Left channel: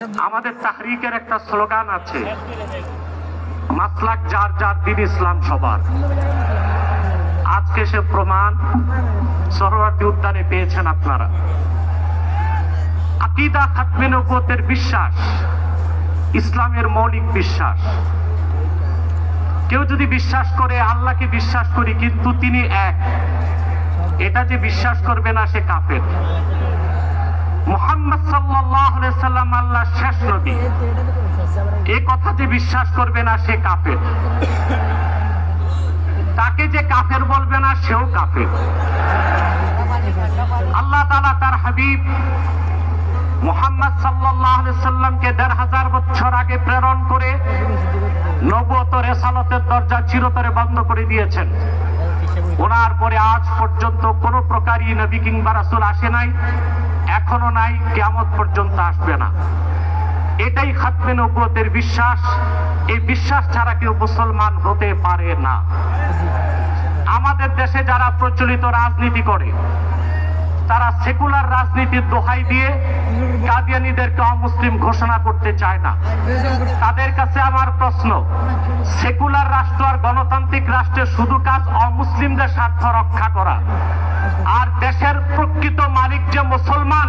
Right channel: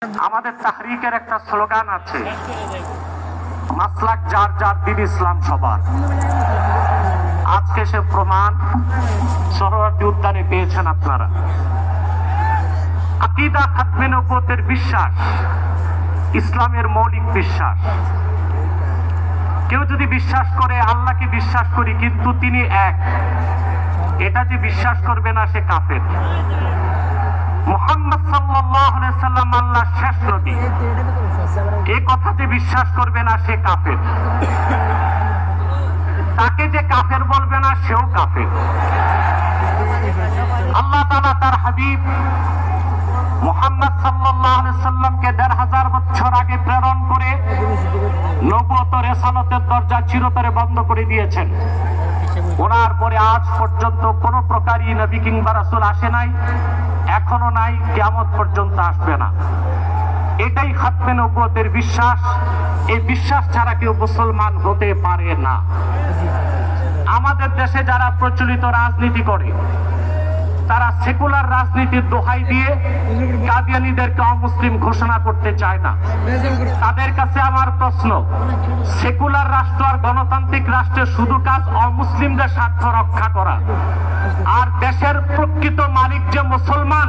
আমাদের তাহরিকের একটা স্লোগান আছে। মাসলাক যার যার দিন ইসলাম সবার। আজকে সে প্রমাণ সরোয়ার্দী উদ্যানে পেয়েছেন আপনারা। আকিদা খাতমে নবুয়তের বিশ্বাস, ইসলামের মৌলিক বিশ্বাস। কেউ যদি বিশ্বাস করে, আল্লাহকে বিশ্বাস করি, কিন্তু তিনি এক। এটা যে বিশ্বাস করবে না, সে কাফের। মোহাম্মদ সাল্লাম আল্লাহ শেষ নবী। এই কথা যে বিশ্বাস করবে না, সে কাফের। তাকে যে কাফের বলবে না, সেও কাফের। আল্লাহ তাআলা তার হাবিব মোহাম্মদ সাল্লামকে দেড় হাজার বছর আগে প্রেরণ করে নবুয়ত রেসালতের দরজা চিরতরে বন্ধ করে দিয়েছেন। ওনার পরে আজ পর্যন্ত কোন প্রকারই নবী কিংবা রাসূল আসে নাই, এখনও নাই, কিয়ামত পর্যন্ত আসবে না। এটাই খাতমে নবুয়তের বিশ্বাস। এই বিশ্বাস ছাড়া কেউ মুসলমান হতে পারে না। আমাদের দেশে যারা প্রচলিত রাজনীতি করে তারা সেকুলার রাজনীতির দোহাই দিয়ে কাদিয়ানিদেরকে অমুসলিম ঘোষণা করতে চায় না। তাদের কাছে আমার প্রশ্ন, সেকুলার রাষ্ট্র আর গণতান্ত্রিক রাষ্ট্রের শুধু কাজ অমুসলিমদের স্বার্থ রক্ষা করা। আর দেশের প্রকৃত মালিক যে মুসলমান,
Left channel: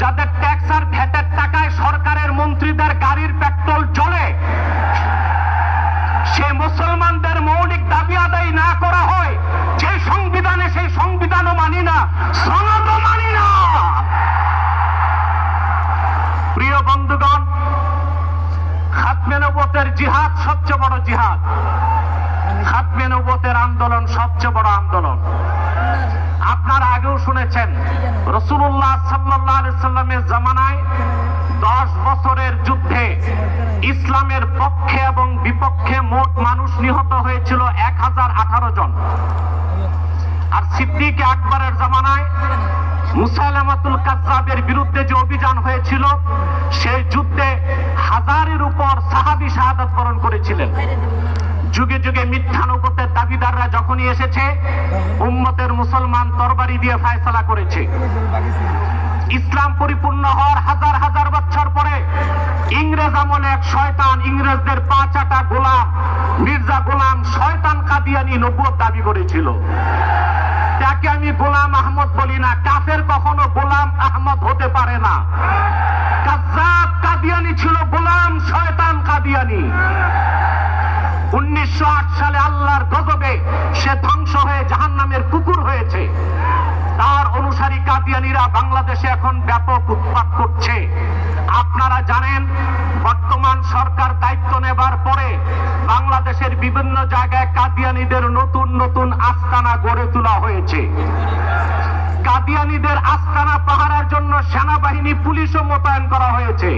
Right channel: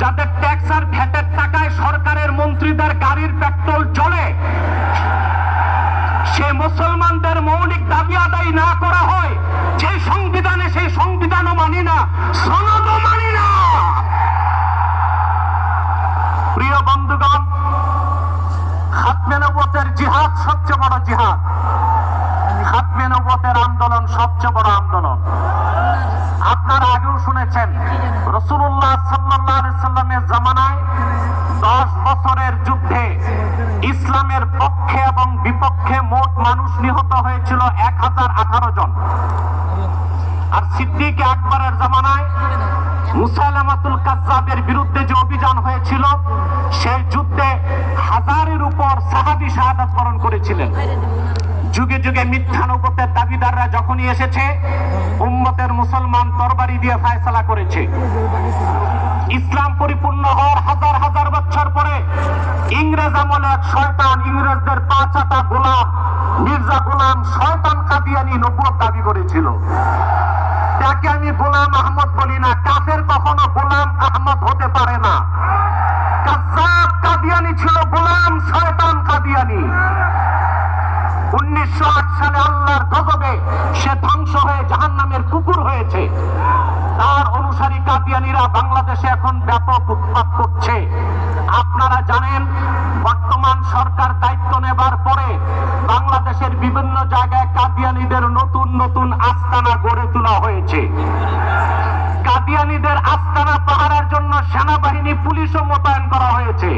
যাদের ট্যাক্স আর ভ্যাটের টাকায় সরকারের মন্ত্রীদের গাড়ির পেট্রোল চলে সে মুসলমানদের মৌলিক দাবি আদায় না করা প্রিয় বন্ধুগণ, খাতমে নবতের জিহাদ সবচেয়ে বড় জিহাদ। খাতমেনবতের আন্দোলন সবচেয়ে বড় আন্দোলন। আপনারা আগেও শুনেছেন রসুল্লাহ সাল্লাহ সাল্লামের জামানায় দশ বছরের যুদ্ধে ইসলামের পক্ষে এবং বিপক্ষে মোট মানুষ নিহত হয়েছিল এক হাজার আঠারো জন। আর সিদ্দিক আকবরের জামানায় মুসাইলামাতুল কাজ্জাবের বিরুদ্ধে যে অভিযান হয়েছিল, সেই যুদ্ধে হাজারের উপর সাহাবি শাহাদাত বরণ করেছিলেন। যুগে যুগে মিথ্যা নবতের দাবিদাররা যখনই এসেছে, উম্মতের মুসলমান তরবারি দিয়ে ফায়সালা করেছে। ইসলাম পরিপূর্ণ হওয়ার হাজার হাজার বছর পরে ইংরেজ আমলে এক শয়তান ইংরেজদের পাঁচাটা গোলাম, মির্জা গোলাম শয়তান কাদিয়ানি নবুয়ত দাবি করেছিল। তাকে আমি গোলাম আহমদ বলি না, কাফের কখনো গোলাম আহমদ হতে পারে না। কাজ্জাব কাদিয়ানি ছিল গোলাম শয়তান কাদিয়ানি। উনিশশো আট সালে আল্লাহর গজবে সে ধ্বংস হয়ে জাহান্নামের কুকুর হয়েছে। তার অনুসারী কাদিয়ানিরা বাংলাদেশে এখন ব্যাপক উৎপাত করছে। আপনারা জানেন, বর্তমান সরকার দায়িত্ব নেবার পরে বাংলাদেশের বিভিন্ন জায়গায় কাদিয়ানিদের নতুন নতুন আস্তানা গড়ে তোলা হয়েছে। কাদিয়ানিদের আস্তানা পাহারার জন্য সেনাবাহিনী, পুলিশও মোতায়েন করা হয়েছে।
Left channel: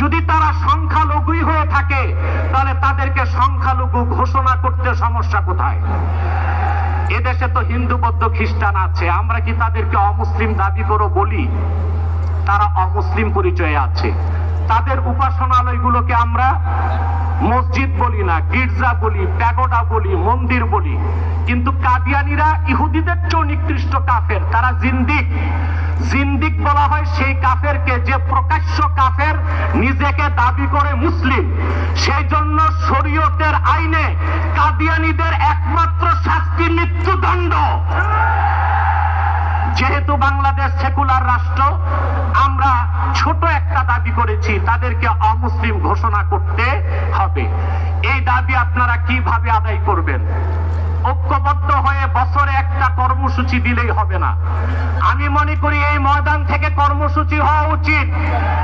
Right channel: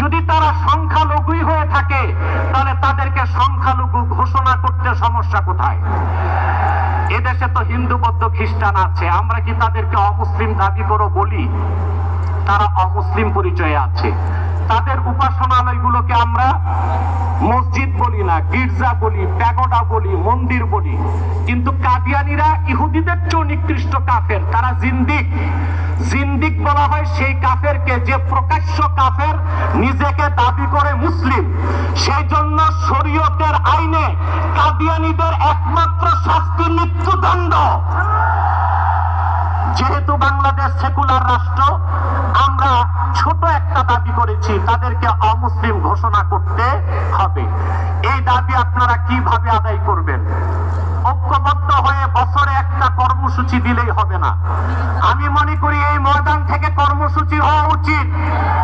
যদি তারা সংখ্যালঘুই হয়ে থাকে, তাহলে তাদেরকে সংখ্যালঘু ঘোষণা করতে সমস্যা কোথায়? এদেশে তো হিন্দু, বৌদ্ধ, খ্রিস্টান আছে। আমরা কি তাদেরকে অমুসলিম দাবি করো বলি? তারা অমুসলিম পরিচয়ে আছে। তাদের উপাসনালয়গুলোকে আমরা মসজিদ বলি না, গির্জা বলি, প্যাগোডা বলি, মন্দির বলি। কিন্তু কাদিয়ানিরা ইহুদিদের চেয়ে নিকৃষ্ট কাফের। তারা জিন্দিক। জিন্দিক বলা হয় সেই কাফেরকে যে প্রকাশ্য কাফের নিজেকে দাবি করে মুসলিম। সেই জন্য শরীয়তের আইনে কাদিয়ানিদের শাস্তি মৃত্যুদণ্ড। যেহেতু বাংলাদেশ সেকুলার রাষ্ট্র, আমরা ছোট একটা দাবি করেছি, তাদেরকে অমুসলিম ঘোষণা করতে হবে। এই দাবি আপনারা কীভাবে আদায় করবেন? ঐক্যবদ্ধ হয়ে বছরে একটা কর্মসূচি দিলেই হবে না। আমি মনে করি এই ময়দান থেকে কর্মসূচি হওয়া উচিত।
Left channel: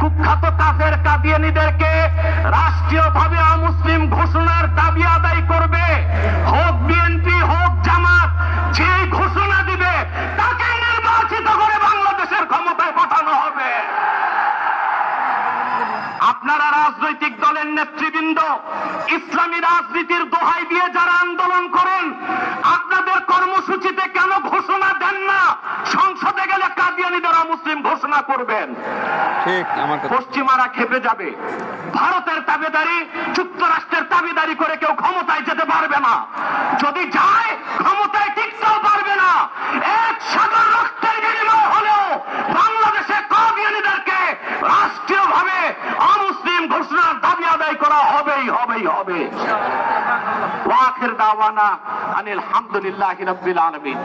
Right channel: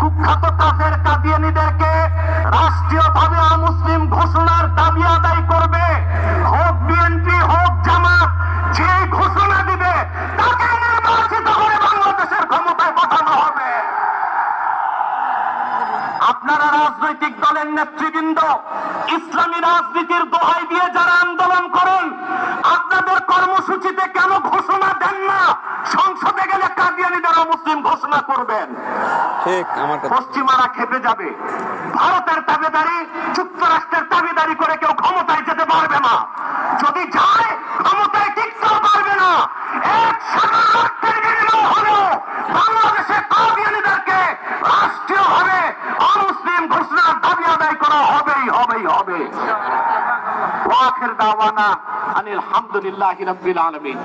কুখ্যাত কাফের কাদিয়ানিদেরকে রাষ্ট্রীয়ভাবে অমুসলিম ঘোষণার দাবি আদায় ঘোষণা দিবে তাকে নির্বাচিত করে বাংলাদেশের ক্ষমতায় পাঠানো হবে। আপনারা রাজনৈতিক দলের নেতৃবৃন্দ ইসলামী রাজনীতির দোহাই দিয়ে যারা আন্দোলন করেন আপনাদের কর্মসূচিতে কেন ঘোষণা দেন না? সংসদে গেলে কাদিয়ানিদের মুসলিম ঘোষণা করবেন। ঠিক আমার পশ্চিমারা খেপে যাবে। ভারতের দাবিদারি যুক্তরাষ্ট্রের দাবিদারি করে কেউ ক্ষমতায় যেতে পারবে না। যদি যায় ক্ষমতায় টিকতেও পারবে না এক সাগর রক্তের বিনিময় হলো বাংলাদেশে কাদিয়ানিদেরকে রাষ্ট্রীয়ভাবে অমুসলিম ঘোষণার করা হবেই হবেই হবে ওয়াখির দাওয়ানা আনিল হামদুলিল্লাহি রাব্বিল আলামিন।